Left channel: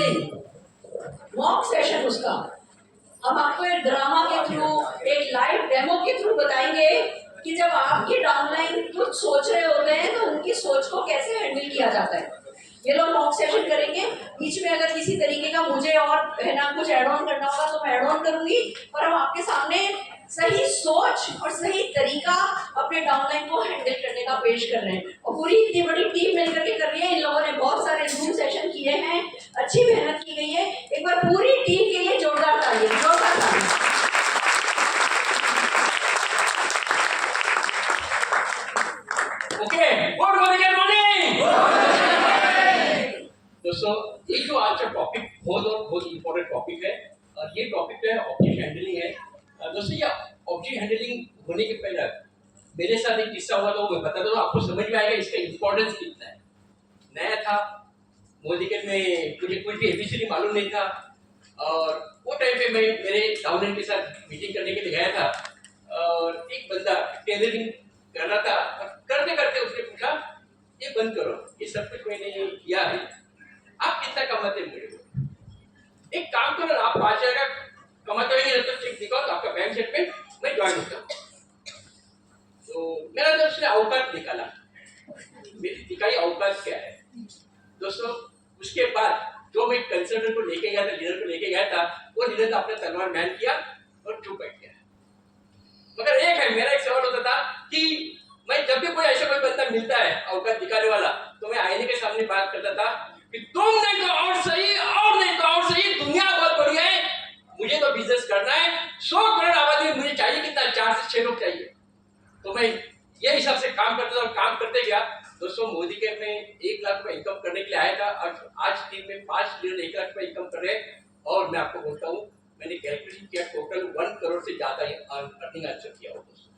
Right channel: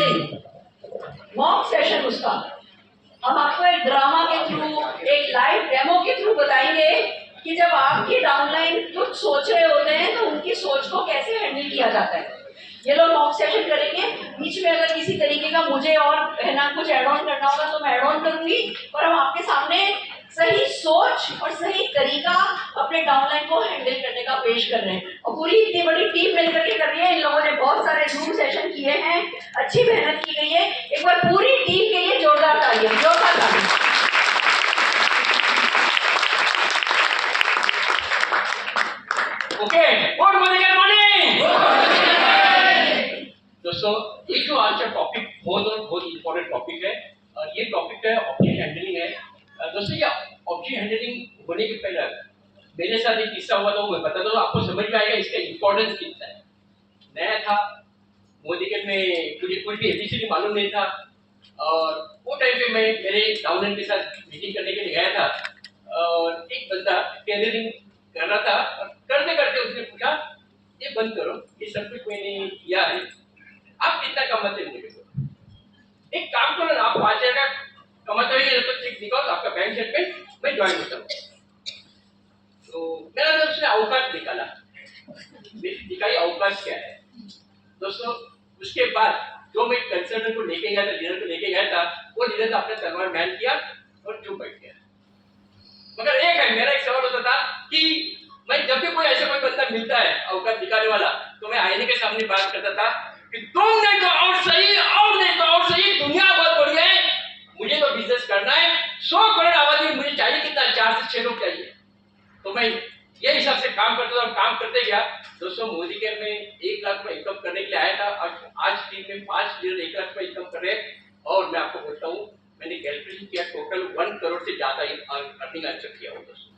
Counselling mock session उसका हम आपको एक ड्रामा के थ्रू, एक लाइव डेमो के थ्रू बताएंगे कि जब आपकी डाउनलाइन कुछ सोच रहे होते हैं तो उनकी सोच को कैसे हैंडल किया जाता है। ये लोग मॉक सेशन करेंगे, बीच में अगर किसी तरीके का मुझे और है ना कुछ एड ऑन करना होगा तो मैं एड ऑन करूंगी, और हम आपके सामने सही सोच और सही तरीका अपने डाउनलाइन को हैंडल करने का पेश कर रहे हैं। और पूरी इतनी बड़ी टीम मिलकर के कर रही है। इन लोगों ने बहुत सारे जूम सेशन किए हैं, अच्छी मेहनत की गई है। एक बार पूरी टीम के लिए जोरदार तालियां, जोरदार तालियां। Okay, good morning. दोस्तों, ये जो आज का टॉपिक बहुत इंपॉर्टेंट टॉपिक है, और ये टॉपिक है ऑब्जेक्ट हैंडलिंग है। दोस्तों, ये ऑब्जेक्ट हैंडलिंग होने के पहले मेरे साथ एक किस्सा हुआ था, वो मैं बताता हूँ, आपको समझ में आएगा इसका इंपॉर्टेंस कितना है। नया था मोदीगंज में, मुझे कुछ भी एबीसीडी मालूम नहीं था, और वो टाइम पे मैं मेरे डाउनलाइन के साथ मीटिंग करने के लिए गया था, और एक बंदा टेलरिंग कर रहा था, और करते करते उसने पूछा, ये बंद करो, ये सब कुछ मैंने किया है, आप कितना कमाते हैं? एक काम करो ना, आप 5,000 का कमाते हो तो चेक दिखाओ, तो आपका बैंक स्टेटमेंट मैं ज्वाइन होता हूँ। तो मेरा जब उसने अवकाश निकाला, दिखाई अवकाश क्या है। दोस्तों, उसके बाद जो मैं कंसल्टेंट को लेके गया था, लीडर को लेके गया था, वो लीडर ने अपने तलवार बैन किया और चुप बैठ गया। मगर एक है, मेरा एक सवाल होता था कि मैं जब भी कोई ऐसा कोई बंदा मिलता है अवकाश दिखाने वाला, तो मैं आईने के सामने बात करता था कि तुम नहीं तो और सही, और नहीं तो और सही, दुनिया बहुत बढ़िया है, मुझे तो बिजनेस करना है, 100 करोड़ आबादी में मुझे चाहिए कितना, 4 से 6 लोग चाहिए। तो मैं ये हिसाब से काम करता था और काम करते गया। दोस्तों, मोदी के में 1 लाख रुपए इनकम करने के लिए आया था, और आज टीम में 5 लीडर 1 लाख रुपए इनकम कर रहे हैं। और मैं आपको बोलता हूँ, मैंने कैलकुलेशन किया, टोटल 1 करोड़ से ज्यादा अर्निंग अचीव किया हो। दोस्तों,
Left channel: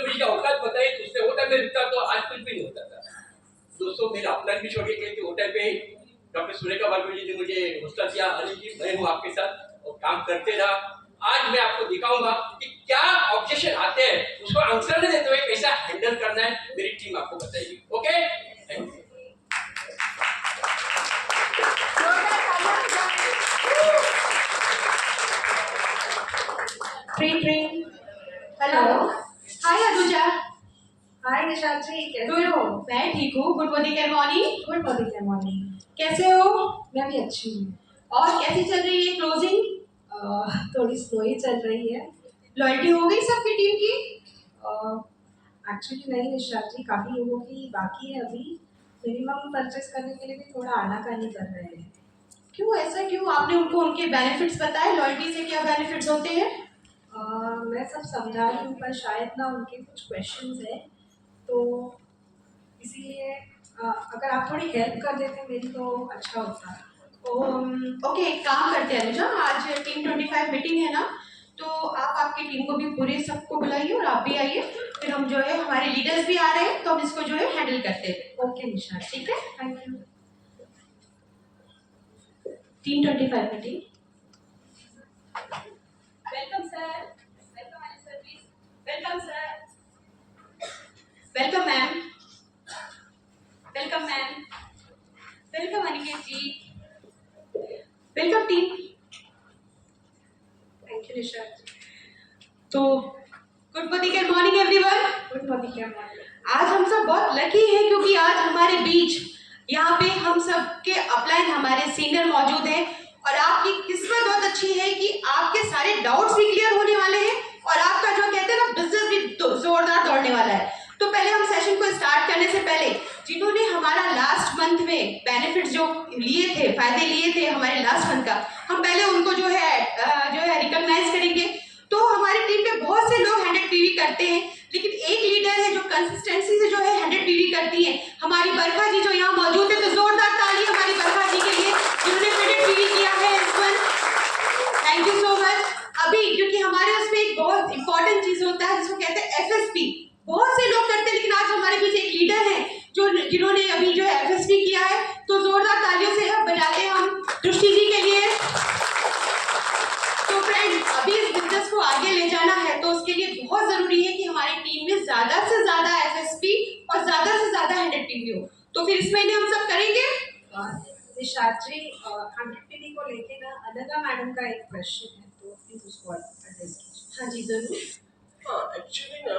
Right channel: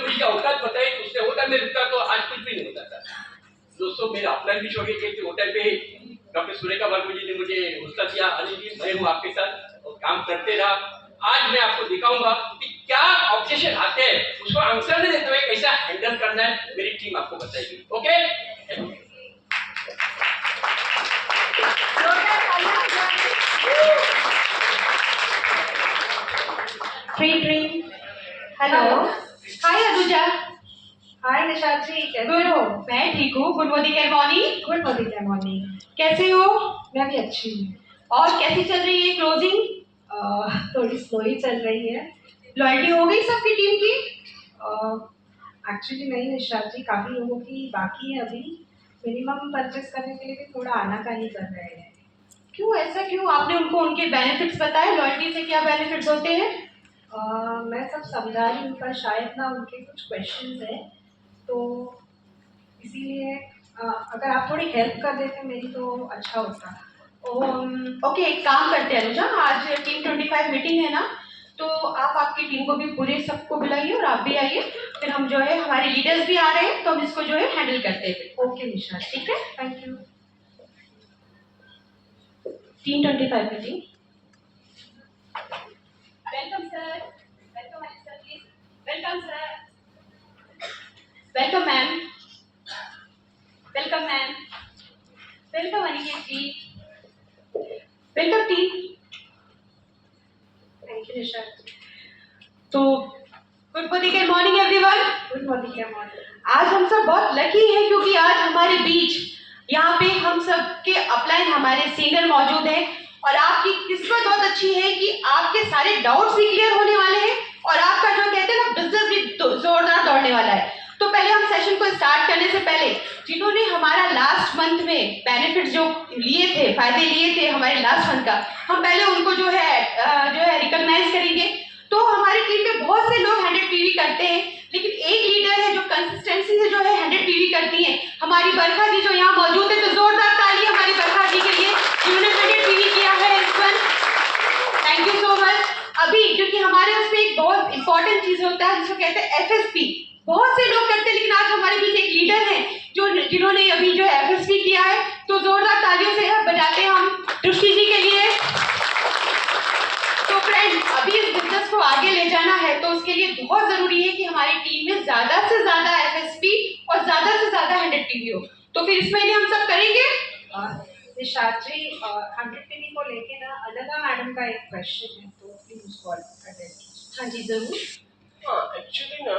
मुझे औकात बताई, उससे होता मैं रुकता तो आज कुछ भी नहीं होता था। दोस्तों, मेरा अपना भी छोड़ के वो टाइम पे डॉक्टर सुरेखा वर्मा जी ने मुझे हौसला दिया, अनिल जी मैं हूँ आपके साथ, और काम करते रहा। आज मैं आपको दिखाऊंगा कि क्या ऑब्जेक्शन आते हैं, उसको आंसर नहीं देते हुए कैसा हैंडल करना है, मेरी टीम आपको बताएगी। ओके, हेलो, हाय अनुजा। हाय निशाद जी, कैसे हो? मैं ठीक हूँ। Good morning morning. Good morning. कैसे हो? मैं भी अच्छी हूँ। और कैसी चल रही है क्लोजिंग? थोड़ी स्लो ही चल रही है। लॉयल्टी हो गई सबकी टीम की? एक्चुअली नहीं निशाद जी, काफ़ी लोगों की बाकी है अभी। मिनिमम परचेस करने के लिए भी थोड़ा आनाकानी कर रहे हैं। क्यों, ऐसा क्यों? आपने उनको उनके बेनिफिट्स बताए, लॉयल्टी से क्या बेनिफिट्स होते हैं? मैं सब समझा रही हूँ, पर शायद ना उनके कुछ क्वेश्चंस हैं, तो इसीलिए अगर आप थोड़ी हेल्प कर देते मेरी तो अच्छा होता। ओके, एक काम करते हैं अनुजा, आज टीम 25 मीटिंग है ना, तो आप आपकी टीम को भी पूरे सबको बुलाइए और आप भी आइए, फिर हम जो है हमारे लीडर्स भी आ रहे हैं, तो हम इसको जो है हैंडल करते हैं। ओके निशा, ठीक है, thank you. Team 25 meeting. Welcome sir, welcome Anil sir, please welcome sir, welcome ma'am, welcome ma'am, welcome Aniket ji, welcome team. Thank you Nisha. तो good morning everyone. Good morning. आज हम सब बहुत लकी हैं क्योंकि आज हमारे बीच यहाँ पे हम सब के अपलाइन हमारे सीनियर मौजूद हैं, और आपकी किस्मत बहुत अच्छी है कि आपके सारे डाउट्स भी क्लियर होने वाले हैं, और आपका जो कहते हैं ना बिजनेस भी जोरदार दौड़ने वाला है। तो पहले हम सेशन को स्टार्ट करने से पहले जिन्होंने हमारा लास्ट मंथ में बेनिफिट्स जो लिए थे, फायदे लिए थे हमारे लास्ट मंथ का, हम पहले उनको जो है रिकॉग्नाइज करेंगे। तो हमारी टीम में बहुत से लोग 100 पीवी करते हैं, लेकिन एक लीडर है जो कंसिस्टेंसी से जो है 100 पीवी करती है, हमारी बरखा जी जो यहाँ मौजूद है। तो जोरदार ताली हमारी बरखा जी के लिए जिन्होंने 100 पीवी किया है इस month. Thank you so much. अभी क्योंकि हमारे उसमें एक बहुत इंपॉर्टेंट चीज होता है जिसको कहते हैं FSP, बहुत से लोग करते हैं, लेकिन आज हमारे बीच एक लीडर है जिन्होंने अभी जो FSP किया है। तो जोरदार तालियों से बजाते हैं हम दृष्टि जी के लिए। तो फ्रेंड, अभी इस बिजनेस को आगे ले जाना है तो उसके लिए बहुत जरूरी है कि हमारी टीम में ज्यादा से ज्यादा FSP और तो फिर इस महीने हम सब करेंगे। निशात्री 100 PV को लेके ना अनघा मैडम का एक क्वेश्चन है, तो प्लीज उसको एड्रेस कीजिए। हाँ जी जरूर। हाँ एक्चुअली ना,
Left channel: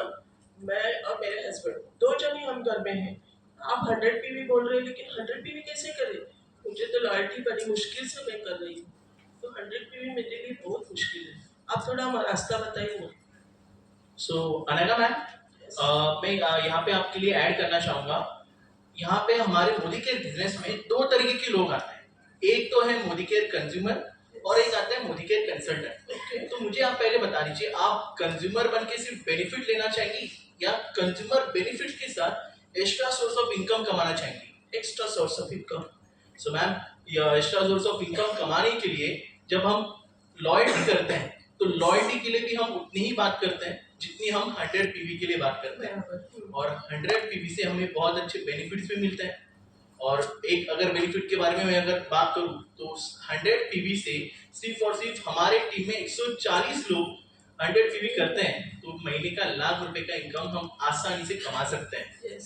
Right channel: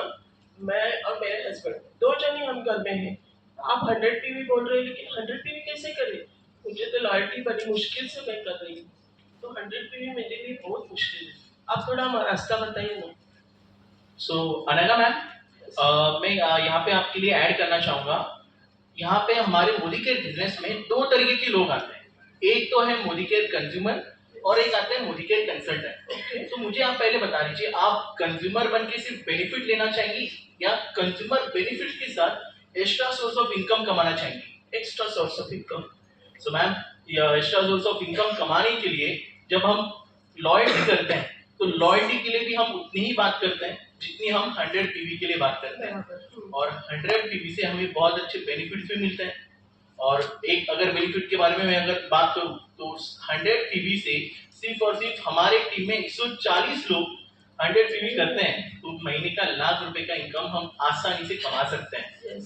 मैं और मेरे हस्बैंड दो जने हम घर में हैं। आप 100 पीवी बोल रहे हैं, लेकिन 100 पीवी कैसे करें? मुझे तो लॉयल्टी बड़ी मुश्किल से मैं कर रही हूँ, तो 100 पीवी मेरे लिए बहुत मुश्किल है। आप थोड़ा रास्ता बताइए ना। सो अनघा मैम, मैं यहाँ पे आपके लिए ऐड करना चाहूँगा। यहाँ पे हमारे मोदी केयर बिजनेस में दो तरीके के लोग आते हैं। एक तो है मोदी केयर कंज्यूमर और एक आता है मोदी केयर कंसल्टेंट। तो मुझे आप पहले बता दीजिए, आप कंज्यूमर बन के सिर्फ बेनिफिट लेना चाहेंगी या कंज्यूमर बेनिफिट के साथ एक्स्ट्रा सोर्स ऑफ इनकम कमाना चाहेंगी? Extra source of income. So ma'am, extra source of income कमाने के लिए जब हम लॉयल्टी करते हैं, तो लॉयल्टी के लिए भी हम उतनी ही बात करते हैं जितनी हम 100 पीवी के लिए बात करते हैं। और 100 पीवी से हमें बहुत अच्छे बेनिफिट्स भी मिलते हैं। और एक अगर बेनिफिट के बारे में मैं अगर बात करूं, तो 100 पीवी से सिर्फ और सिर्फ हमारे टीम में 140 लोग 100 पीवी करते हैं, तो महीने का ₹1,00,000 का इनकम हम आसानी से कमा सकते हैं।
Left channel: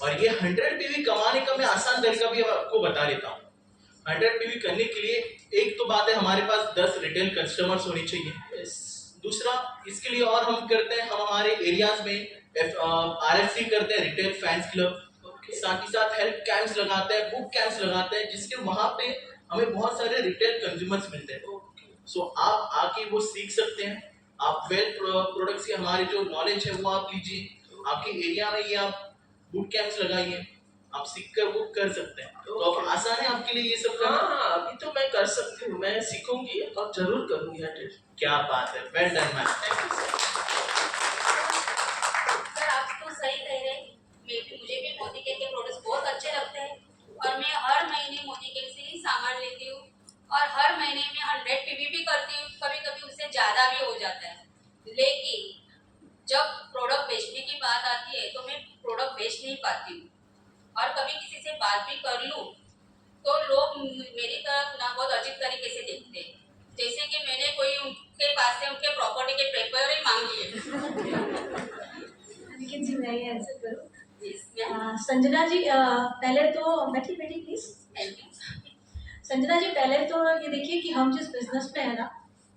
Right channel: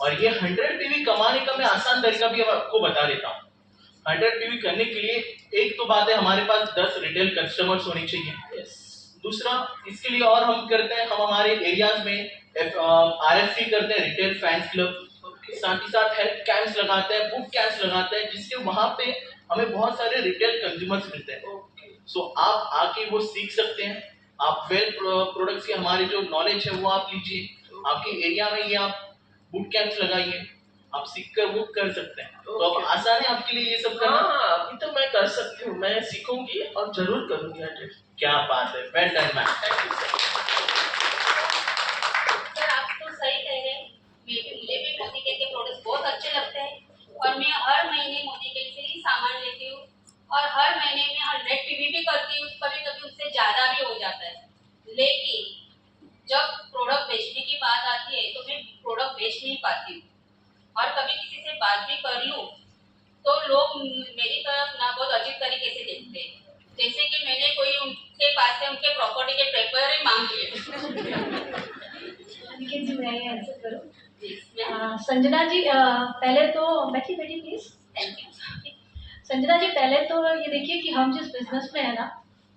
और ये 100 पीवी कमाने का मैं आसान तरीका भी आपको बता देता हूँ। 100 पीवी करने के लिए एक तो बात है, हमारे पास 10 रिटेल कस्टमर्स होने चाहिए। दूसरा, इसके लिए और हम करते हैं, हम हमारे एरियाज में RFC करते हैं, रिटेल फैंस क्लब। साथ ही साथ हेल्थ कैंप्स लगाते हैं, बुक कैंप्स लगाते हैं, जिसके वहां पे हमें बहुत सारे रिटेल कंज्यूमर्स मिलते हैं। सो आप आके वो सीख सकते हैं। आप वेल प्रोडक्ट्स के हमारे जो नॉलेज है वो आप लीजिए। आपके एरिया में ये आप बुक कैंप्स लगाइए, आप सीख कर वो कर सकते हैं। तो अब आसान है आपके लिए ये सब करना? हाँ, अभी तो मैं कर सकती हूँ, मैं सीखूंगी और जरूर करूंगी 100। क्या बात है, well done ma'am. Thank you sir. Sir आप तो सही कह रहे हैं। मुझे भी मोदी केयर के प्रोडक्ट्स बहुत अच्छे लगते हैं और मैं हर महीने मोदी केयर से ही सामान लेती हूँ और हर महीने में 100 पीवी भी करती हूँ, कभी कभी उससे ज़्यादा भी हो जाता है। लेकिन जब प्रोडक्ट बेचने की बात आती है तो मैं प्रोडक्ट बेच नहीं पाती हूँ, और कभी किसी से बात भी कर लूँ तो लोग मेरी तरफ ना बहुत अजीब तरीके से देखते हैं, जैसे कि मैंने कोई उनके पास से उनके प्रॉपर्टी के पेपर ही मांग लिए। अनिकेत जी, मैं ये आंसर करूँ? हाँ, संजना जी, पहले तो बैठी बैठी please. Thank you. Sanjana ji, पहले तो ये देखिए कि हम जिस बिजनेस में है ना,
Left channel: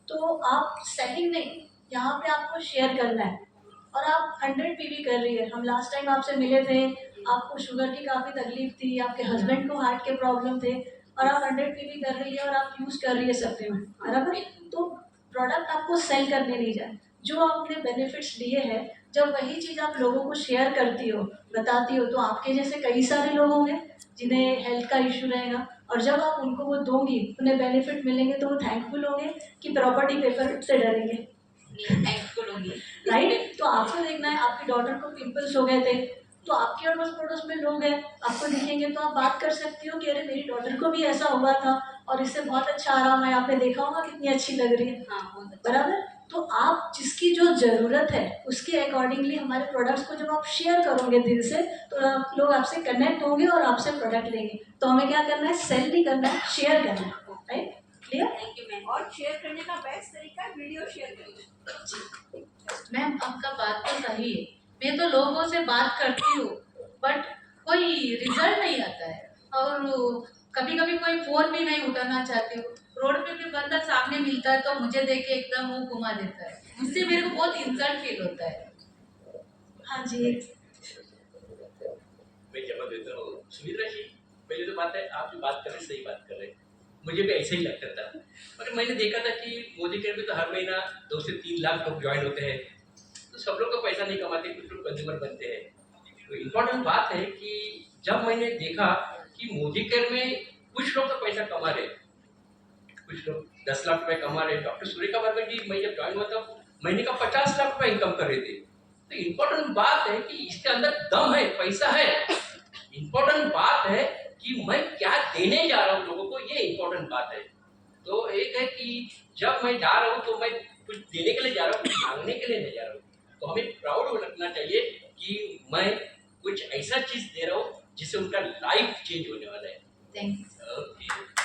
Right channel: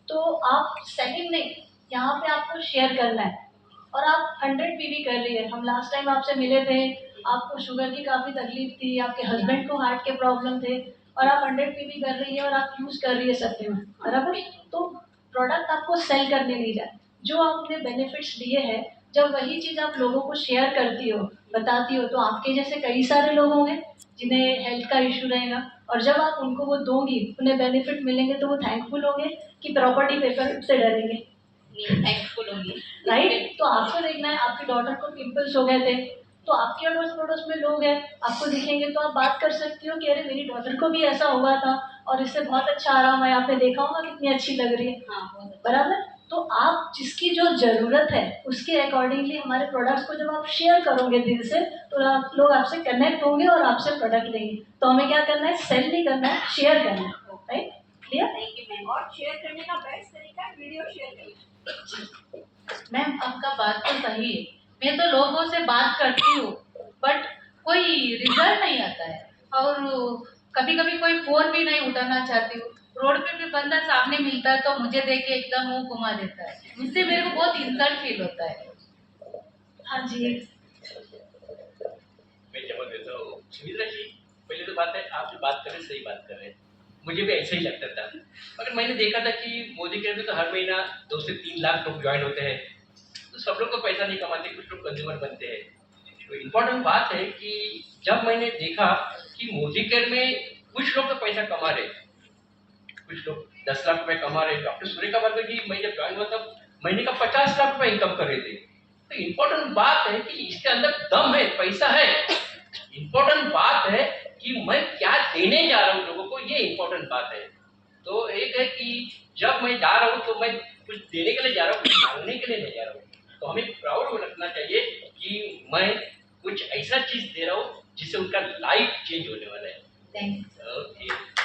तो आप सेलिंग नहीं, यहाँ पे आपको शेयर करना है। और आप 100 पीवी कर रही है। हम लास्ट टाइम आपसे मिले थे, आपको शुगर की काफ़ी तकलीफ थी, आपके हस्बैंड को हार्ट के प्रॉब्लम थे, और आप 100 पीवी कर रही है और आप यूज़ कर रही है सप्लीमेंट, बराबर? तो प्रोडक्ट आपको सेल करने नहीं जाए, जो आपने बेनिफिट्स लिए हैं, जब वही चीज़ आप लोगों को शेयर करती हो, बताती हो, तो आपके जैसे कई सारे लोग होंगे जिन्हें हेल्थ का इशू रहेगा, और जब आप उनको वो दोगी, उन्हें बेनिफिट मिलेंगे, तो वो थैंकफुल होंगे कि प्रॉपर्टी पेपर से डरेंगे, थैंकफुल होंगी। राइट? तो आपको देखना है, आपकी डॉटर को पिंपल्स हो गए थे, तो आपके अड़ोस पड़ोस में लोग हैं, आपको दिखेंगे तो आप बात कर सकती हो कि अरे मेरी डॉटर को भी ऐसा हुआ था और इससे बहुत अच्छा आराम है, आपने देखा होगा कितनी अच्छी लग रही है, हाँ, बहुत अच्छा। बराबर? तो आप जिसकी जो ज़रूरत है उसके अकॉर्डिंगली हमारे प्रोडक्ट्स को जब आप शेयर करोगे दिल से, तो लोग आपसे कनेक्ट होंगे और आपसे प्रोडक्ट लेंगे। तो हमें क्या करना है? सेल नहीं करना है, शेयर करना है, right? Clear? Thank you ma'am. और शेयर करने का बेस्ट तरीका है वीडियो शेयर करना। मैम आपका बात तो सही है, मैं तो लोगों से बात करती हूँ बट कोई रिजल्ट नहीं आता है, और कभी कभी कोई फोन भी नहीं उठाना चाहती हूँ। रोड पे भी बंदा सामने मिलता है तो मुझे देख के एकदम मुंह घुमा देता है, इससे मेरे को बहुत इंसल्ट फील होता है। हाँ जी। मैं जवाब देता हूँ। सुमित्रा जी, पहले तो बात है, आप जो बात कर रहे हैं सही बात कर रहे हैं, मुझे भी ऐसा ही लगता था। मगर मैंने देखा था कि मोदी केयर में तो हर महीना 2 से 3 लाख लोग ज्वाइन होते हैं, तो सब लोग तो पैसा नहीं कमाते, कुछ लोग कंज्यूमर बनते हैं। तो इम्पोर्टेंट बात है कि जब मैंने देखा कि मोदी केयर में कुछ लोग तो पैसा कमा रहे, कुछ लोग 10 लाख रुपए कमा रहे। डॉक्टर सूर्य का मतलब कि मैं जब ज्वाइन हुआ तब महीने का 50 लाख रुपए इनकम कर रहे थे। तो इम्पोर्टेंट बात है कि इसके अंदर दम है, पैसा है। इम्पोर्टेंट बात है कि मैं क्या देने जा रहा हूँ लोगों को, ये इम्पोर्टेंट बात है। तो एक है कि जब मैं जा रहा हूँ तो मैं कुछ देने के लिए जा रहा हूँ, कुछ मांगने के लिए नहीं जा रहा हूँ। तो हमें प्राउड रखना चाहिए कि मैं कुछ ऐसा चीज दे रहा हूँ जिससे उनका लाइफ चेंज होने वाला है। थैंक्स। ओके।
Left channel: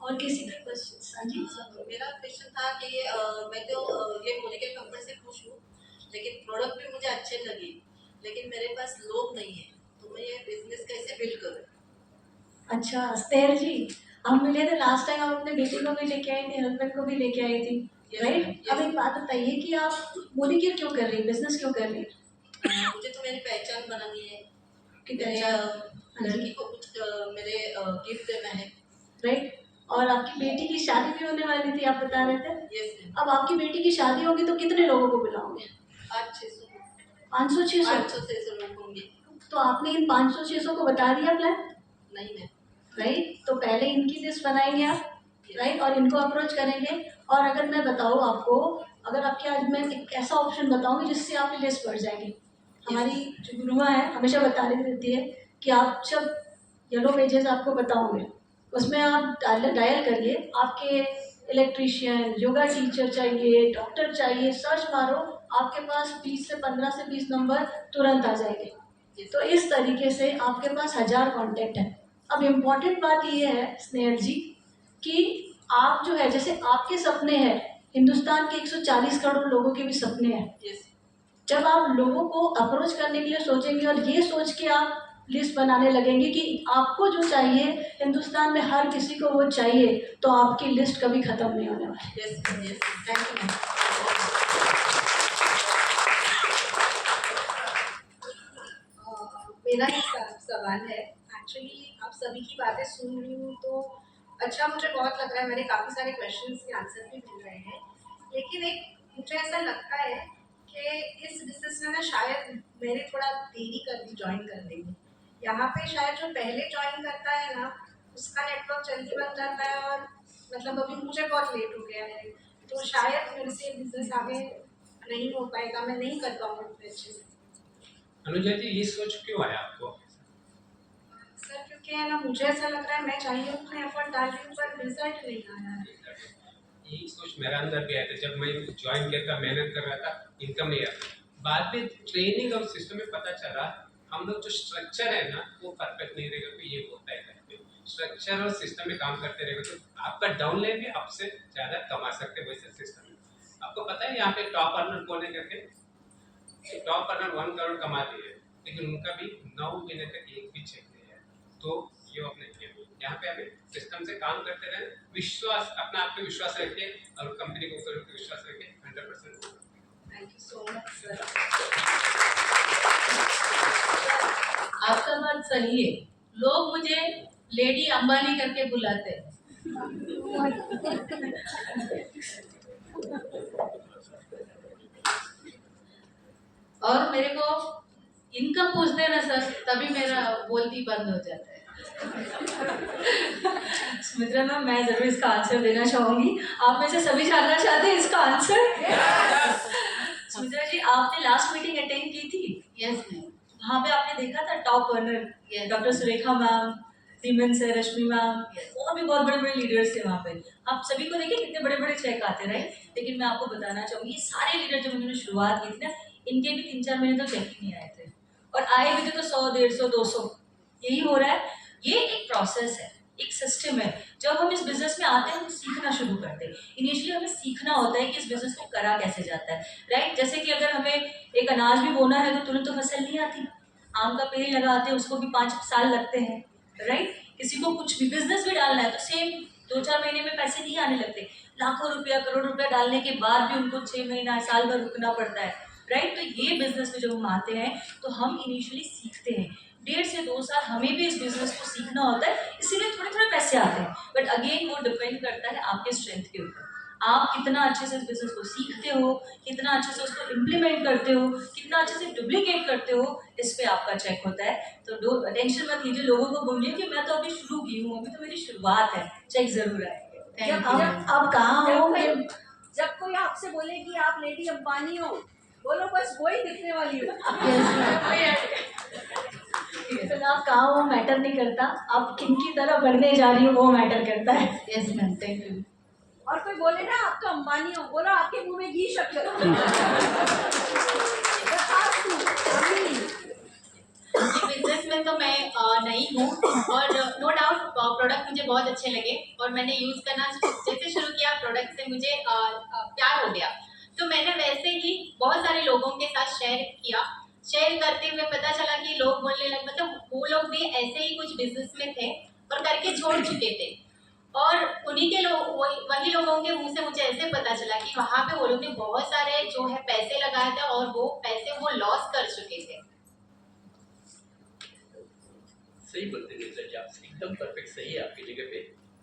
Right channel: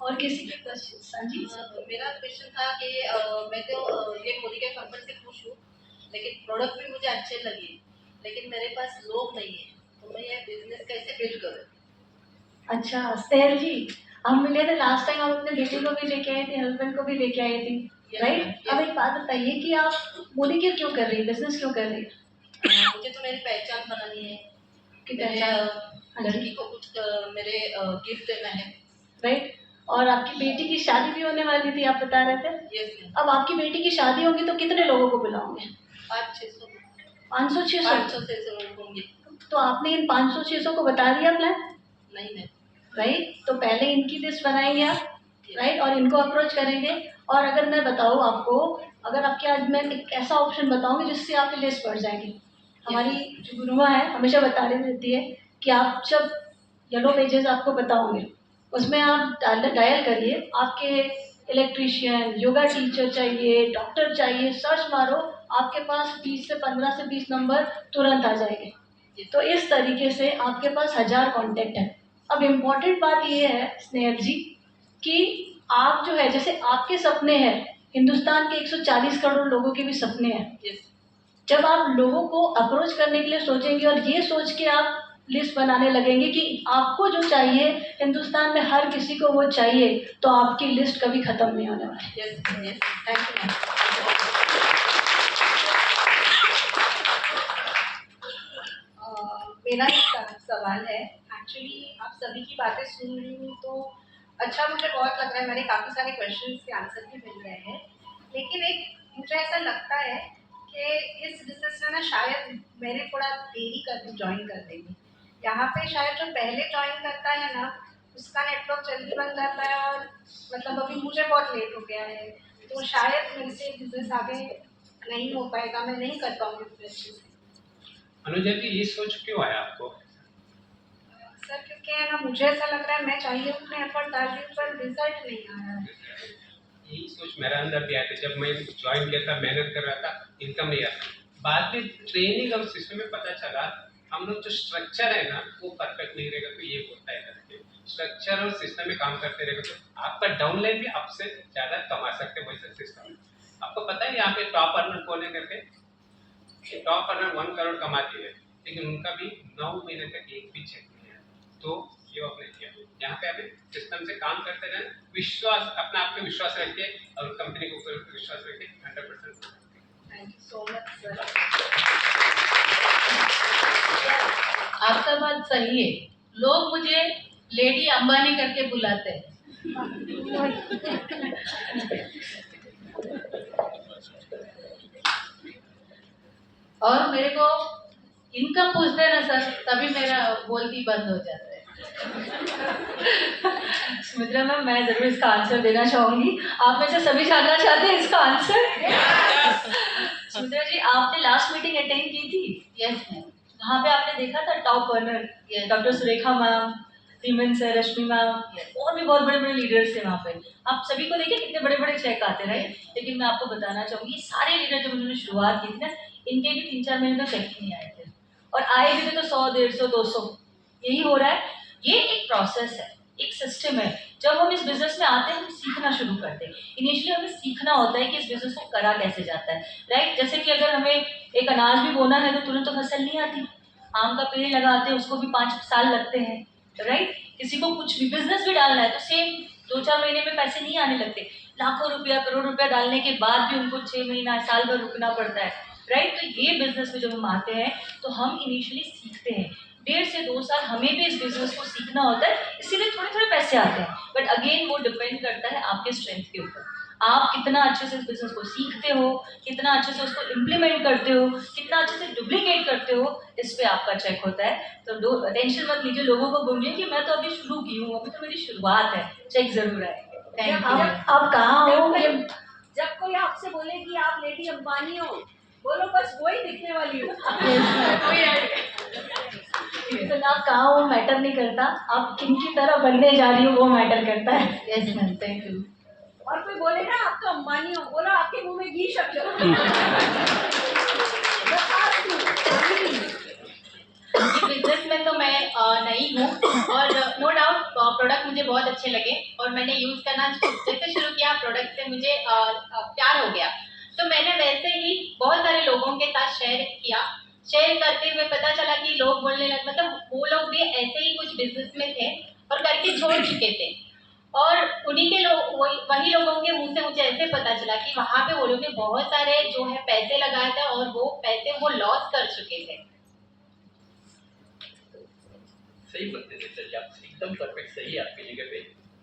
और किसी के क्वेश्चन? हाँ जी। मेरा क्वेश्चन था कि मैं तो ये मोदी के कंपनी से खुश हूँ लेकिन प्रोडक्ट भी मुझे अच्छे लगे, लेकिन मेरे पास लोग नहीं है, तो मैं ये बिजनेस कैसे बिल्ड करूँ? अच्छा स्नेहल जी, हम मिले थे लास्ट टाइम, आप अपने बेटे को भी लेके आए थे, हस्बैंड को भी लेके आए थे, राइट? अब एक बात बताइए कि आप मोदी केयर क्यों कर रही है, बिजनेस क्यों कर रही है? मुझे तो मेरी पहचान बनानी है कि मेरे पहचान, लड़की को कुछ मेरे गिफ्ट देना है। राइट? और आपकी बेटी की शादी भी होने वाली थी, आप बता रहे थे। Yes ma'am. अब आपकी बेटी की शादी होगी तो कितने लोगों को बुलाओगे? 500-600 500-600? 500-600 लोग होंगे। तो आपने इन 500-600 को बता दिया प्लान, नहीं मैम। राइट? तो पहले इनकी लिस्ट बनाएंगे आप, राइट? और इनको अप्रोच करेंगे। और अगर मैं बताऊँ आपको, अगर आपके आज मैं एक ऐसा ऑप्शन बताऊंगी जिससे आपकी लिस्ट बढ़ जाएगी। हमारी जो गुरुमा है हमेशा बताती रहती है कि आप जब येलो पेजेस आपको बताओगे, उसमें आप डायल करिए, आपके इलेक्ट्रीशियन, योगा टीचर चाहिए, डॉक्टर चाहिए, सर्च मारो, आपके पास 20 से 15 से 20 नंबर तुरंत आ जाएंगे। तो इस तरीके से आपके पास 1000 कॉन्टेक्ट है। अब इम्पॉर्टेंट बात ये है स्नेहल जी कि आप जो है, जैसे आपके सपने हैं, हिंदुस्तान के 140 करोड़ लोगों के भी सपने हैं। यस। जब आप लोगों को अप्रोच करने के लिए सोचेंगे और ये सोच के आप लिस्ट बनाने लगेंगे कि आपको जो चाहिए, हिंदुस्तान में हर किसी को वो चाहिए, तो आपकी लिस्ट कभी खत्म नहीं होने वाली। Yes yes, thank you ma'am. मेरा एक सवाल है। एक्चुअली आप सभी की बातें सुन रही हूँ तो अच्छा मुझे बहुत लग रहा है, मेरे काफ़ी सारे क्वेश्चंस के आंसर भी मिल गए हैं, लेकिन एक मुझे ऐसा लगता है कि इस बिजनेस में ना शायद मैंने थोड़ा देरी कर दी ज्वाइन करने में। यहाँ पे शायद जो पहले ज्वाइन करता है ना, उसका नेटवर्क जल्दी बन जाता है, और मतलब अभी मुझे बहुत लेट हो गया है, तो शायद मेरे से बिजनेस आगे नहीं हो पाएगा, मैं नहीं कर पाऊँगी उतने अच्छे से। अनुजा जी, ये सोच क्यों आया आपको? सर क्योंकि है ना, मुझे ऐसा लग रहा है मैं चाहिए उतने एफर्ट डाल रही हूँ पर रिजल्ट नहीं आ रहा है। यही सोच मेरे अंदर भी आई थी जब मैं ज्वाइन किया था, मेहनत कर रहा था, इनकम नहीं आता। बाद में ट्रेनिंग और सिस्टम में पता चला हम लोग जो स्ट्रक्चर है ना वो परफेक्ट नहीं रहेगा तो ये होता है करके। स्ट्रक्चर और सिस्टम में काम करते रहेगा तो आपका डाउनलाइन भी आपसे ज़्यादा कमा सकते हैं वैसे सिस्टम। आपको पता है यहाँ पे टॉप अर्नर कौन है करके? टॉप अर्नर 1 करोड़ कमाती है, लेकिन उनका भी 9 महीने तक एक भी चेक नहीं आया। तो ये आपने किया। यहाँ पे हमें सिस्टम से काम करते रहें, विश्वास, अपना आप पे विश्वास रखिए और कंपनी के ऊपर विश्वास रखिए, 100%। Thank you so much sir. आपका बात सही है, लोग मुझे लेडी अंबानी करके बुलाते हैं। और मेरे को इनकम पूछते हैं ना सर, तभी मेरा बोलती बंद हो जाता है। सुमित्रा मैम, मैं जरूर इसका आंसर देना चाहूंगी। आप में से सभी जानना चाहते हैं इसका आंसर? सुमित्रा जी, आपने लास्ट मीटिंग अटेंड की थी? Yes ma'am. वहाँ पे आपने देखा था top earner, Yes. Doctor Surekha ma'am, Simon sir, Rashmi ma'am, Yes. और भी बहुत बड़े बड़े लीडर्स थे वहाँ पे। आप सभी को देखिए कितने बड़े बड़े चेक आते रहे। लेकिन मैं आपको बताना चाहूंगी, सारे लीडर जब उन्होंने शुरुआत की थी ना, इनके भी 3-4 महीने तो चेक ही नहीं आए थे, और आए भी थे तो 100, 150, 200, यही हो रहा है। ये एक प्रोसेस है, एक सिस्टम है। जब हम इस बिजनेस में आते हैं हम सीखना शुरू करते हैं। इनिशियली हमें सीखना होता है कि इस बिजनेस को करा कैसे जाता है, राइट? जैसे कि अगर हमें एक अनाज भी बोना है तो तुरंत तो फसल नहीं आती। आम का पेड़ लगाते हैं, उसको भी 5 साल लगते हैं, राइट? किसी को कुछ भी बिजनेस भी डालना है तो सेम 2-4 महीने में पैसे नहीं आने लगते। लाखों रुपया, करोड़ रुपया डालने के बाद भी उनको 6 महीना, साल भर रुकना पड़ता है, राइट? तो ये बिजनेस में जब हम आते हैं तो हम इनिशियली सीखते हैं। 1.5 से 2 साल हमें भी इस बिजनेस को सीखना होता है, इसीलिए थोड़े थोड़े पैसे आते हैं। बट अगेन वो डिपेंड करता है आपके स्ट्रेंथ के ऊपर। आप कितना अच्छे से इस बिजनेस को सीखते हो, कितना अच्छे से उसको इम्प्लीमेंट करते हो, कितना अच्छे से डुप्लीकेट करते हो, इस पे आपका चेक होता है। तो टेंशन मत लीजिए, लोगों को बोलिए कि मैं तो अभी शुरू की हूँ, अभी तो मेरी शुरुआत है, चेक जरूर आएंगे। अब कहाँ हो, जब कोई आपसे बोले कि आप लेडी अंबानी हो, बोलो बस वही दिखने वाली हो। तो आप कहाँ हो मैटर नहीं करता, आप किन की तरह बनने जा रही हो वो मैटर करता है। Yes ma'am, thank you. और कोई बोले ना आप तो अंबानी हो, बोलो आपके मुंह में घी शक्कर। बिजनेस में तो मैं नहीं हूँ, और नो डाउट प्रोडक्ट मुझे बहुत अच्छे लगे और मैंने यूज़ करना जैसे शुरू किया, प्रोडक्ट से मुझे प्यार हो गया। तो मैंने वैसे ही बहुत सारे लोगों के साथ शेयर किया। शेयर करते हुए पता चला कि लोग बोलने लगे, मतलब वो लोग भी ऐसे ही कुछ बिजनेस में थे और करके छोड़ चुके थे, और उन्हीं के लोग वही लोगों के मुंह से मुझे ऐसे पता चला कि वहाँ पे वो लोग ने बहुत सारे जो है पैसे लगाए थे और वो पैसे वो लॉस कर चुके थे। सही बोलते थे सर, आप एकदम परफेक्ट सही है आपकी जगह पे।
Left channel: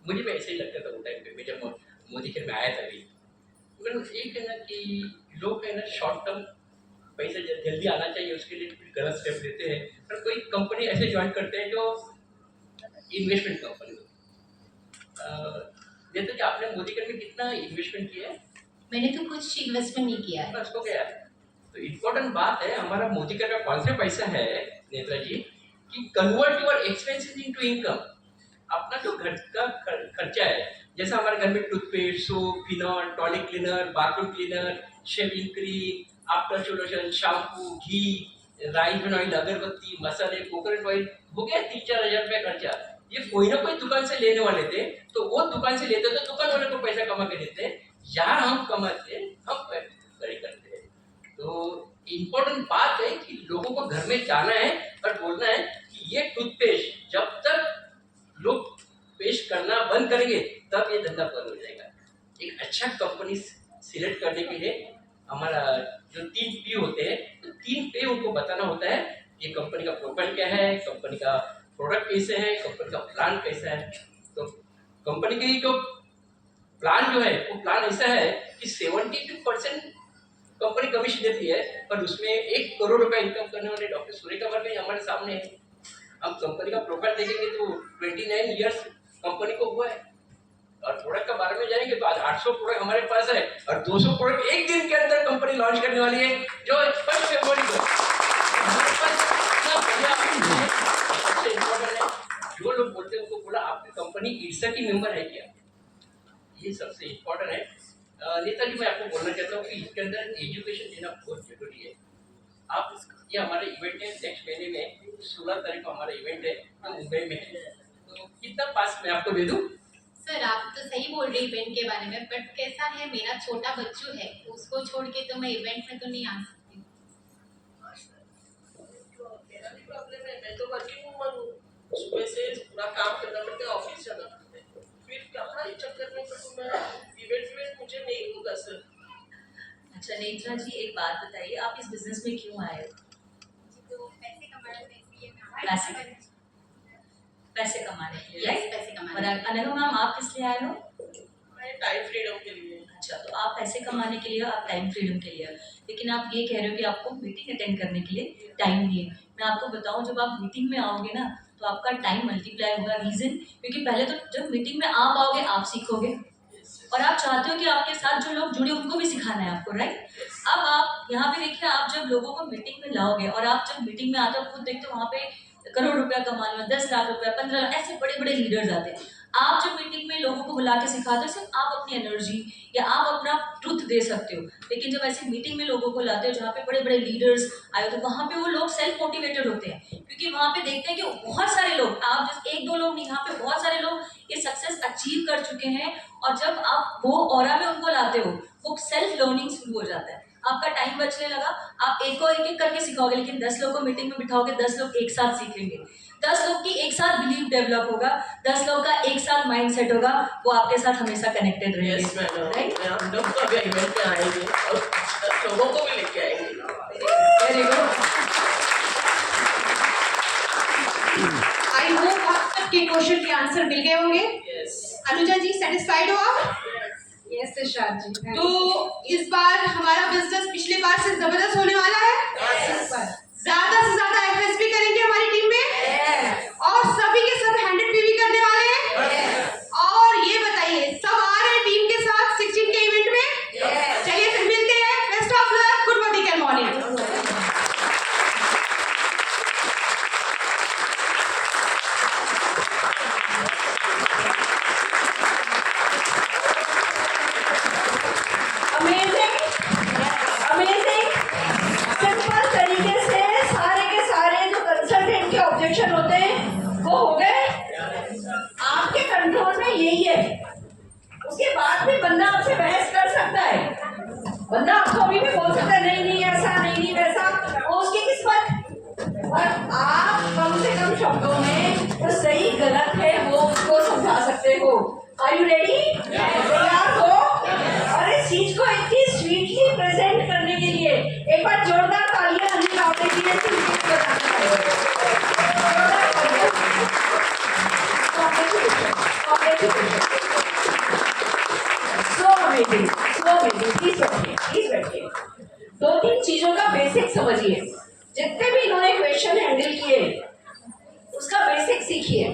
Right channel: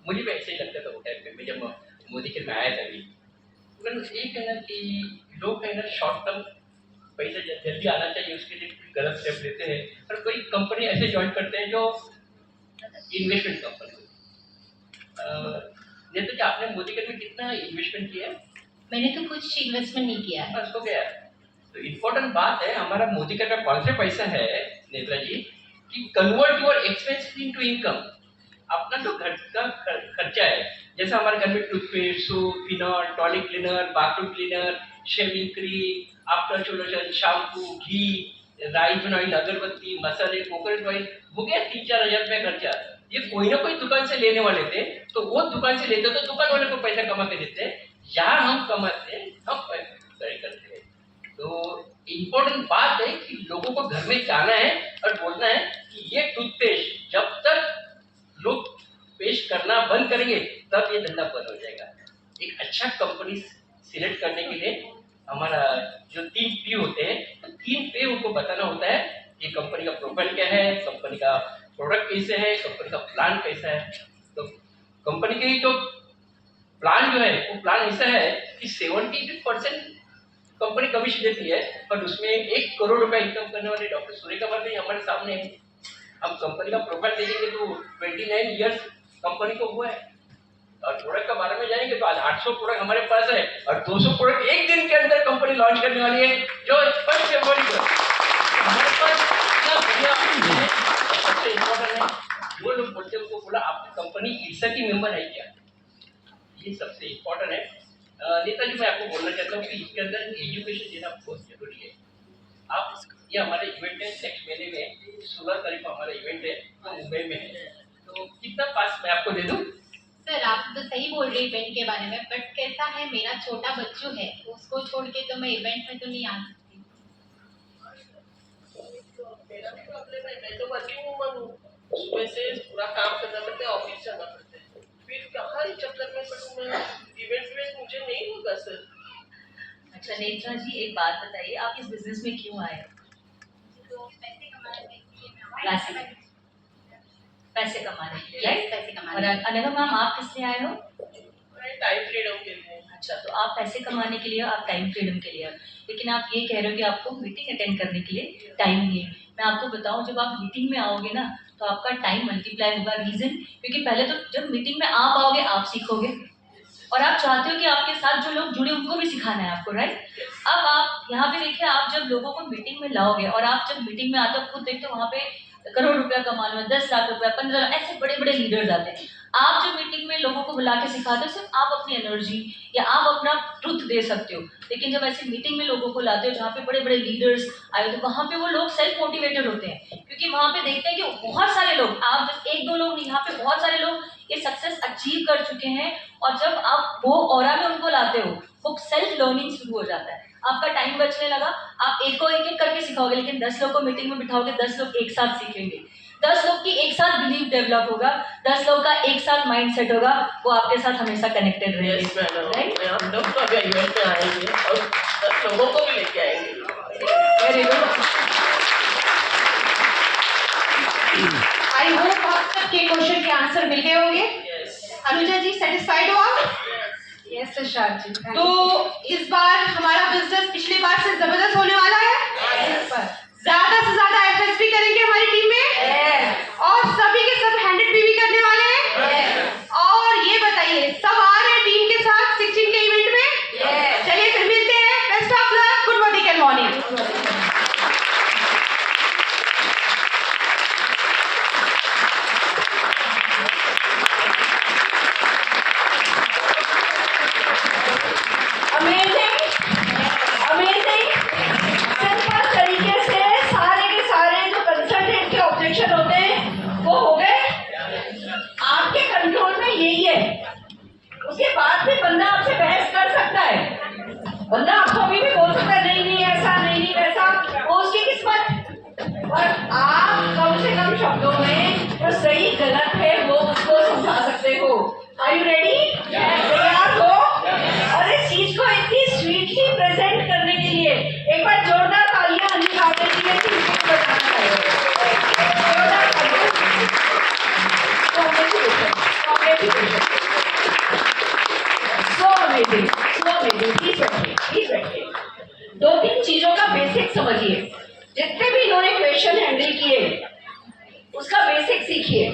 मुझे भी ऐसे ही लगता था वो टाइम पे, मैं जब मोदी के में आया था अभी, मगर एक है ना कि लोग है ना शॉर्ट टर्म पैसा जल्दी आना चाहिए उसके लिए कुछ गलत स्टेप लेते हैं, और कोई कंपनी ऐसे ज्वाइन करते हैं जो इन्वेस्टमेंट कंपनी होती है। जैसे कि आपने मोदी के में कितना इन्वेस्टमेंट किया है? मैंने तो कुछ इन्वेस्टमेंट नहीं किया है। बस हो गया। तो इम्पोर्टेंट बात है, हमारा मोदी का कॉन्सेप्ट ऐसा है नेत्रा जी कि convert your expenses into income. अपना जो घर का खर्चा है, जैसे हमारे घर में toothpaste, soap, phenyl, toilet cleaner, bathroom cleaner, shaving cream, after solution, shampoo, घी, राइस ऑयल, अगरबत्ती, मसाले, कोकोनट ऑयल, हो गया 3-4 हज़ार रुपया खर्चा। ये कोई ना कोई दुकान से लेने वाले थे, तो वो दुकान से लेते तो दुकान वाले को पैसा कमा के देते। यहाँ हम कमाते, हम खरीद करते हैं। तो इम्पोर्टेंट बात है कि लोगों को घर में जाना है और बोलना है कि ये टूथपेस्ट जब तक लोग पेस्ट करना बंद करेंगे तब ये धंधा बंद हो जाएगा। एक अच्छा कंपनी सिलेक्ट करने के लिए हमारा जो 3 P होते हैं, तो 3 P उनको बताना होता है कि कंपनी का प्रोफाइल क्या है, कंपनी का प्रोडक्ट कैसे है, कंपनी का प्लान कैसा है। तो कंपनी की जो प्लान जो है वो प्लान ऐसा है कि 72% कंपनी कमीशन देती है, पर उसमें 1 करोड़ रुपया इनकम करने वाले डॉक्टर सूर्यकुमार जी हमारे सामने है। हम कंपनी का प्रोफाइल देखेंगे तो 29 इयर्स कंपनी को हुआ है, और प्रोडक्ट के बारे में जानेंगे तो आज 800 प्रोडक्ट हमारे पास है और 200 प्रोडक्ट एक दिन के अंदर कंपनी लॉन्च करने वाली है, जो 1 फरवरी को हमारे पास इतना बढ़िया है। सबसे इम्पोर्टेंट है, जो लोग बोलते हैं उनको बोला आपकी कंपनी ईर्षा की मेंबर है क्या, ये सबसे इम्पोर्टेंट है। नेताजी, मैं आपको बोलना चाहता हूँ कि इसके अंदर एजुकेशन देना बहुत जरूरी है। आप ये हमारे इवेंट है नेक्स्ट महीने में 16 तारीख को हमारा इवेंट है, तो मुंबई में है, तो कितना पास मैं आपको दे दूँ? सर आप तो सही बोल रहे इवेंट के बारे में, बट कैसा है मेरा छोटा बच्चू है, उसको छोड़ के तो मैं इवेंट में तो नहीं आ सकती। मेरा भी प्रॉब्लम है, मैं तो वर्किंग वूमन हूँ, सुबह से पूरा काम करना पड़ता है, ऑफिस जाना पड़ता है, फिर कहाँ ही चक्कर में पड़ूँ मैं, इवेंट में मुझे नहीं होगा सर। अच्छा नेत्रा जी, एक बात बताइए, आप इस बिजनेस में क्यों आए हो? तो पैसे कमाने में इसलिए मैं आई। पैसे कमाने के लिए, Yes, पैसे कमाने और अनघा मैम आप किस लिए आए हो? मैं टाइम फ्रीडम के लिए। अच्छा, तो आप पैसे कमाने के लिए, आप टाइम फ्रीडम के लिए, लेकिन आप ये कह रहे हो कि आपको मीटिंग अटेंड करने के लिए टाइम नहीं है। मैं आपको बताऊं, जब आप मीटिंग में आओगे ना तो आपका टाइम मल्टीप्लाई होगा। रीजन क्योंकि पहले तो जब मीटिंग में आप आओगे आप सीखोगे, और आप चाहते हो कि आपके साथ जो लोग जुड़े उनको भी सिखाना है आपको, राइट? अब आप यहाँ पे देखिए, आप जब लोगों को मीटिंग में लाओगे और आप जब मीटिंग में आते हो खुद देखते हो वहाँ पे करोड़ रुपया कमाने में 10 लाख रुपया, 15 लाख, ऐसे बड़े बड़े लीडर्स आते हैं। आप जब मीटिंग में लोगों को बुला के सिखाते हो, सिर्फ आप अपनी एनर्जी या आप अपना ट्रुथ दे सकते हो, लेकिन जब ऐसे मीटिंग में लोगों को लाते हो जहाँ पे बड़े बड़े लीडर्स आए हो, तो वहाँ पे वो लोग सेल्फ मोटिवेटेड होते हैं, क्योंकि वहाँ पे देखते हैं कि बहुत सारे लोग, आप बस 1-2 लोग नहीं, यहाँ पे बहुत सारे लोग ये सक्सेस अचीव कर चुके हैं, और जब आप वो ऑरा में उनको लाते हो, वो सेल्फ लर्निंग शुरू हो जाता है, आपका टाइम बचने लगा। आप एक को एक करके सिखाओगे, लेकिन 10 लोग को मीटिंग में बिठाओगे, 10 लोग एक साथ सीखेंगे, 10 लोग की एक साथ बिलीव डेवलप होगा, 10 लोग का एक साथ माइंड सेट होगा, वो आपके साथ हमेशा कनेक्टेड रहेंगे। Yes madam, right? हम लोग तो अभी इवेंट में आएंगे और 10 लोगों को भी लेके आएंगे। Very good. आई होप आप सबके क्वेश्चन के आंसर मिल गए होंगे। अनुजा जी सेटिस्फाइड हो आप? यस तुषार जी, तो इस बार हमारा बिजनेस पिछले बार से जबरदस्त होने वाला है। ज्यादा से ज्यादा एफएसपी करेंगे हमारी टीम में, और सभी के सब 100 पीवी करने वाले हैं। और ये बताइए, सब आ रहे हैं टीम के साथ 16 के इवेंट में? चलिए फिर मिलते हैं। Best of luck, good morning and morning. Amazing simple तरीके से सारे के सारे जो कंसल्टेंट के ऑब्जेक्शन होते हैं वो हो गए। आपके कंट्रोल में यही है, उसके बाद भी बंदा आपसे बहस कर सकता है, बंदा आपको अभी भी बोल सकता है नहीं नहीं सकते हो। Are you ready? तैयार हो? और इस चीज को इतनी स्वीटली प्रेजेंट करने के लिए एक बार जोरदार तालियां अनिल आपके लिए बताना चाहिए। जोरदार तालियां। So amazing, so amazing. Please बैठिए। 2-3 चीजों का बेसिक समझिए। जितने भी इन्होंने क्वेश्चन हैंडल किए उसका बेसिक सीखिए।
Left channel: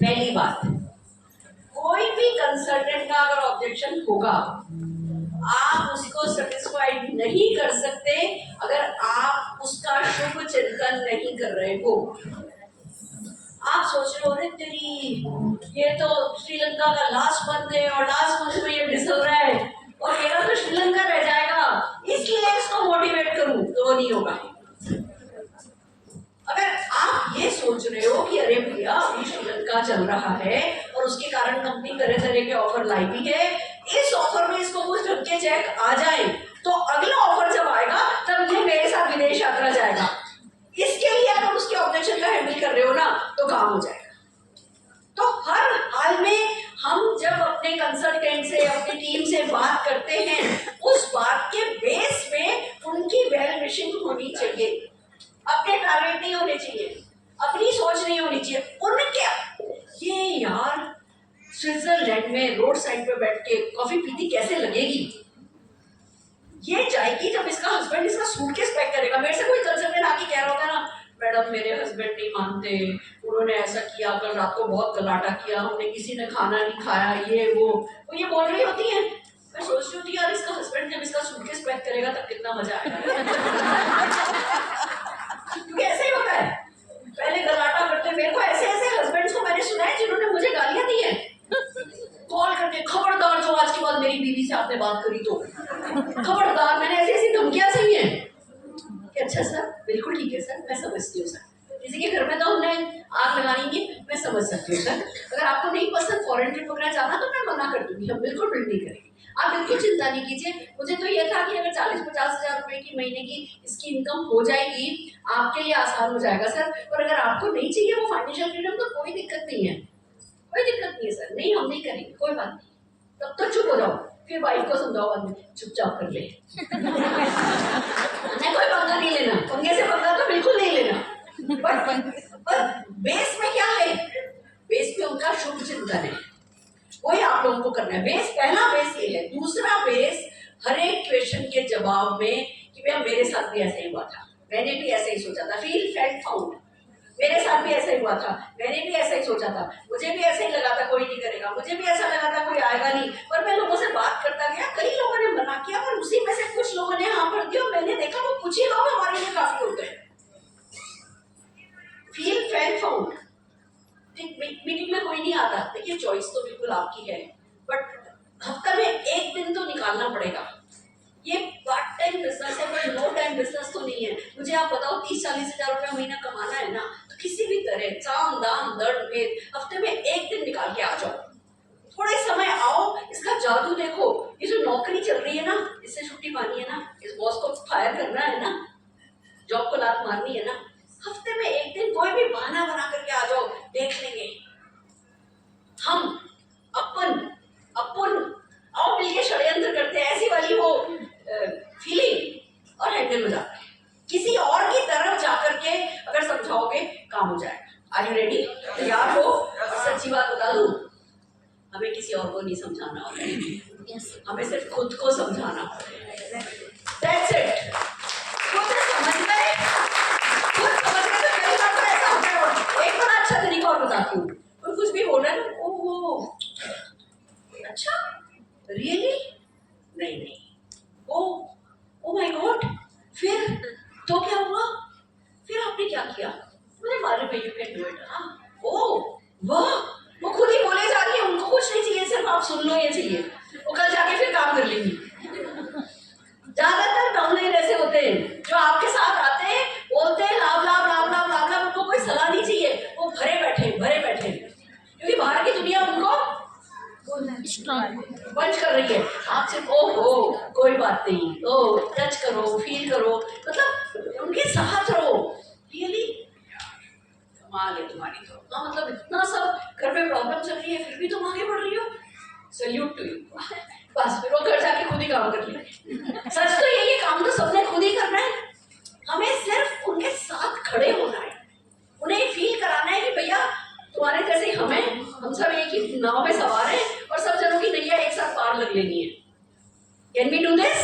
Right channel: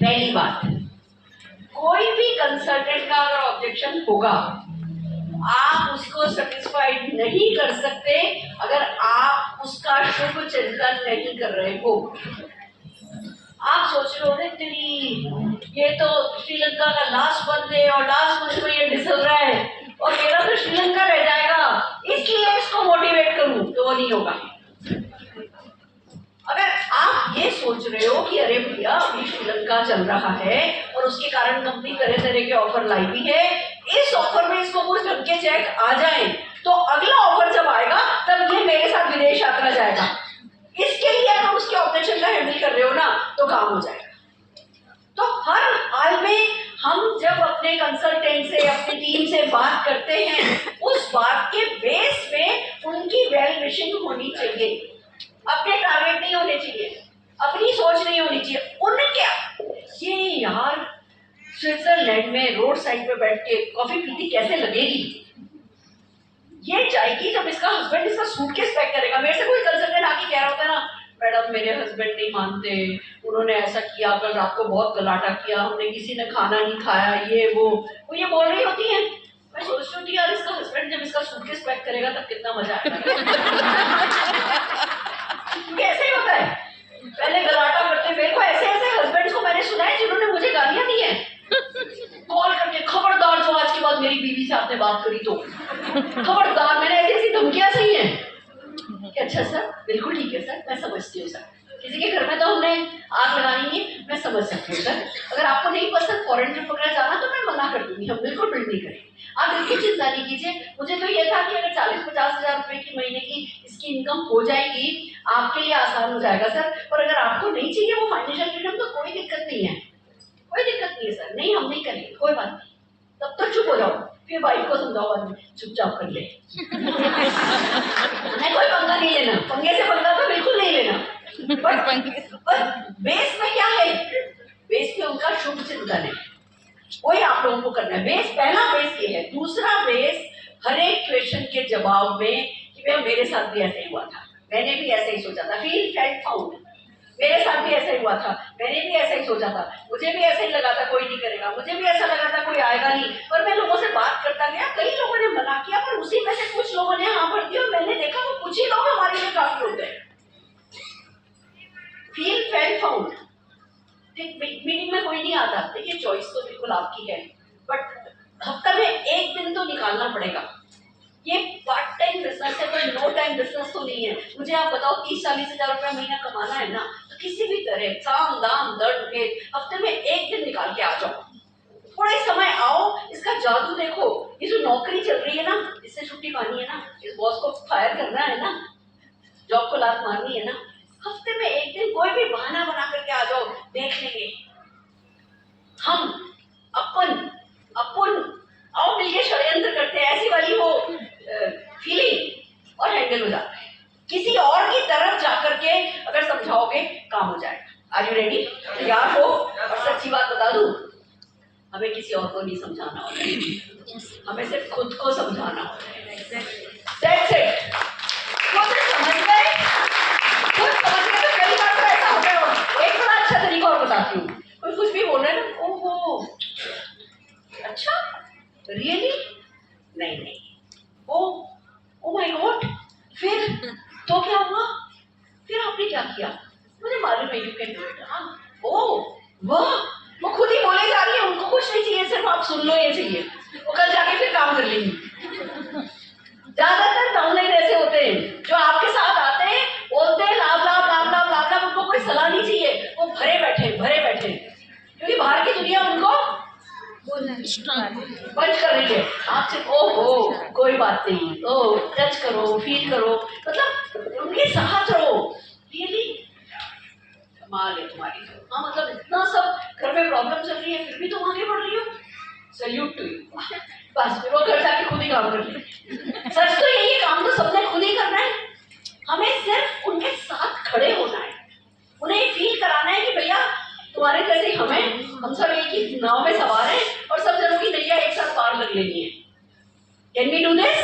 पहली बात, कोई भी कंसल्टेंट का अगर ऑब्जेक्शन होगा, आप उसको सेटिस्फाइड नहीं कर सकते अगर आप उसका शुभ चिंतन नहीं कर रहे हो। आप सोच रहे हो तेरी ये तो श्रीलंका का लास्ट मंथ है और लास्ट मंथ में ये डिसल रहा है और मेरा तो श्रीलंका रह जाएगा, इसलिए इसको मोटिवेट करूं, तो वो नहीं होगा। अगर आप ये सोच रहे हो कि अरे भैया अभी श्रीलंका चल रहा है और उसके कारण कंपनी तरह तरह के ऑफर लाई भी है, इस ऑफर में इसको कुछ ढंग के चेक आ जाए तो अगला ऑफर जब आएगा तब ये मेरे साथ विदेश यात्रा जाएगा। इसके लिए अगर उसके ऑपरेशन का हैंडल कर रहे हो ना तो काम हो जाएगा। तो हर हाल में हम जब अपने कंसल्टेंट से अपनी टीम से बात करते हैं उस बात के बेस पे उनकी वेल विशिंग होनी चाहिए, अपने टारगेट नहीं होने चाहिए, अपनी सोच नहीं होनी चाहिए। उनके ये यार स्विट्जरलैंड में रोड साइड पे बैठ के कॉफी पीती कैसे लगेगी, ये जाएगी जब इसका हस्बैंड इसका सूटकेस पैक करेगा। मेरे से कोई कंसल्टेंट आके कह रहा होता है ना, मैडम मेरे हस्बैंड नहीं मानते, उन्होंने ऐसा किया, कल रात को बहुत गलाटा किया, हमने किसी ने खाना नहीं खाया, ये वो ये बोल रही होती है। मैं सोच रही होती यार इसका हस्बैंड जब इसका सूटकेस पैक करेगा तब कितना मजा आएगा। कैसे होता है, पहले गलाटा करते मेरे को ऐसे हस्बैंड्स को मैंने सुना है जिन्होंने मुझे गालियां दी हैं कॉल करके, खबरदार जो आज के बाद मेरी बीवी से आपने बात करी तो खबरदार। मैंने ऐसी धमकियां सही है कि अच्छा सर बिल्कुल ठीक है सर, मैं समझती हूँ सर, किसी के घर में तो हमने आग लगानी है, मैं समझ सकती हूँ सर, अगर आपको नहीं पसंद फॉरेन ट्रिप वगैरह जाना तो मैं मना कर दूंगी, हम बिल्कुल बिल्ड नहीं करेंगे, आप बिल्कुल चिंता नहीं कीजिए। मुझे तो ये था कि अगर 40-50 हज़ार रुपए की महीने की इसकी इनकम हो जाएगी आपके लिए आसान हो जाएगा सर, और अगर आपको नहीं चाहिए वो फाइनेंशियल फ्रीडम तो कोई दिक्कत नहीं है, कोई दिक्कत नहीं है सर, नहीं हम नहीं करेंगे, कोई बात नहीं, तब तो चुप हो जाओ। फिर वाइफ को समझाओ आदमी चुपचाप कर ले। नहीं कोई पंगा नहीं लेना, पंगे से पंगा तो बिल्कुल नहीं लेना। पर बेस में क्या है, बेस में उनका शुभ चिंतन है, वही आप लोगों को करना है। बेस, पहला बेस ये है। दूसरा बेस, हर एक क्वेश्चन के जवाब में कि भैया मेरे साथ भी ऐसा ही हुआ था, मैंने भी ऐसा ही सोचा था, फील फेल्ट फाउंड, मेरे साथ भी ऐसा ही हुआ था, मैंने भी ऐसा ही सोचा था, मुझे भी ऐसा ही लगा था कोई नहीं करेगा, मुझे भी ऐसा लगा था कोई आएगा नहीं, पर मैं लोगों से बात करता गया, कई लोगों ने मना किया, पर उसी में से कुछ लोगों ने हाँ भर दिया और मैंने देखा वो कुछ ही लोग हमारे लिए काफी होते हैं। फील फेल्ट फाउंड, मीटिंग में कोई नहीं आता, देखिए चॉइस तो बिल्कुल आपकी है, बट हफ्ते में एक दिन तो निकालना पड़ेगा। ये पार्ट टाइम बिजनेस है पर नो टाइम बिजनेस तो नहीं है। मुझे आप बताओ 30-40 हज़ार रुपया महीना कमाना है ना, तो किसी भी तरह साम दाम दर्द के हफ्ते में एक दिन निकाल के आ जाओ, थोड़े समय आओ, इसका जादू देखो। ये जो नौकरी चल रही है ना, इससे छुट्टी पानी है ना, इस बॉस को फायर करना है ना, जॉब को लात मारनी है ना, हफ्ते में एक दिन कोई भी बहाना बना करके आ जाओ, देख लेंगे हम अपन आओ मिलके षड्यंत्र करते हैं, ऐसी वाली वो फीलिंग, और हैंडल हो जाता है। किसी और की तरफ जाकर के अगर समझाओगे काम हो जाएगा। Are you ready? तैयार हो? और सच्ची बात बता दूं, हमें किसी और को नहीं समझाना होता है, हमें सिर्फ खुद को समझाना होता है। That's it. खुद समझ गए, खुद समझ गए तो कई बार तो ऐसा होता है। एक बड़ा अच्छा तरीका और बताती हूँ, कोई कुछ भी बोल रहा है, ओहो अच्छा रियली, नहीं, ओ माय गॉड, फिर तो क्या हुआ, फिर आपने क्या किया, मुझे मालूम है यू कैन डू इट। वाह, वो खुद ही बोले जा रही है, उनको कुछ नहीं चाहिए, सिर्फ आप सुन लो, ये चाहिए, वो कल जाके फिर काम कर लेंगी। ज्यादातर डाउनलाइन ऐसे होते हैं जो आपके साथ आते हैं, बोलते हैं लाभ लाभ लाभ लाभ लाभ लाभ, उनको कोई सलाह नहीं चाहिए, वो भरे बैठे, क्योंकि बाहर की दुनिया उनको बंच कर रही है। आपसे ओहो कोई बात नहीं, ओ टच करो, फील करो, मतलब उनके साथ रहो। रियली कमाल है तुम्हारी तो, हाँ मतलब इतना सब घर में प्रॉब्लम चल रही है फिर भी तुम आगे बढ़ रही हो, सैल्यूट टू यू। बस फिर वो घर जाके खुद ही काम कर ले। सच तो यही है, काम तो सबने खुद ही करना है, हमें सिर्फ उनके साथ खड़े होना है, उन्हें फील कराना है कि भैया तुम्हारे जैसे हमें, हम सब एक ही नाव में सवार हैं और सब जनों की नैया एक साथ पार कर लेनी है। Can we do this?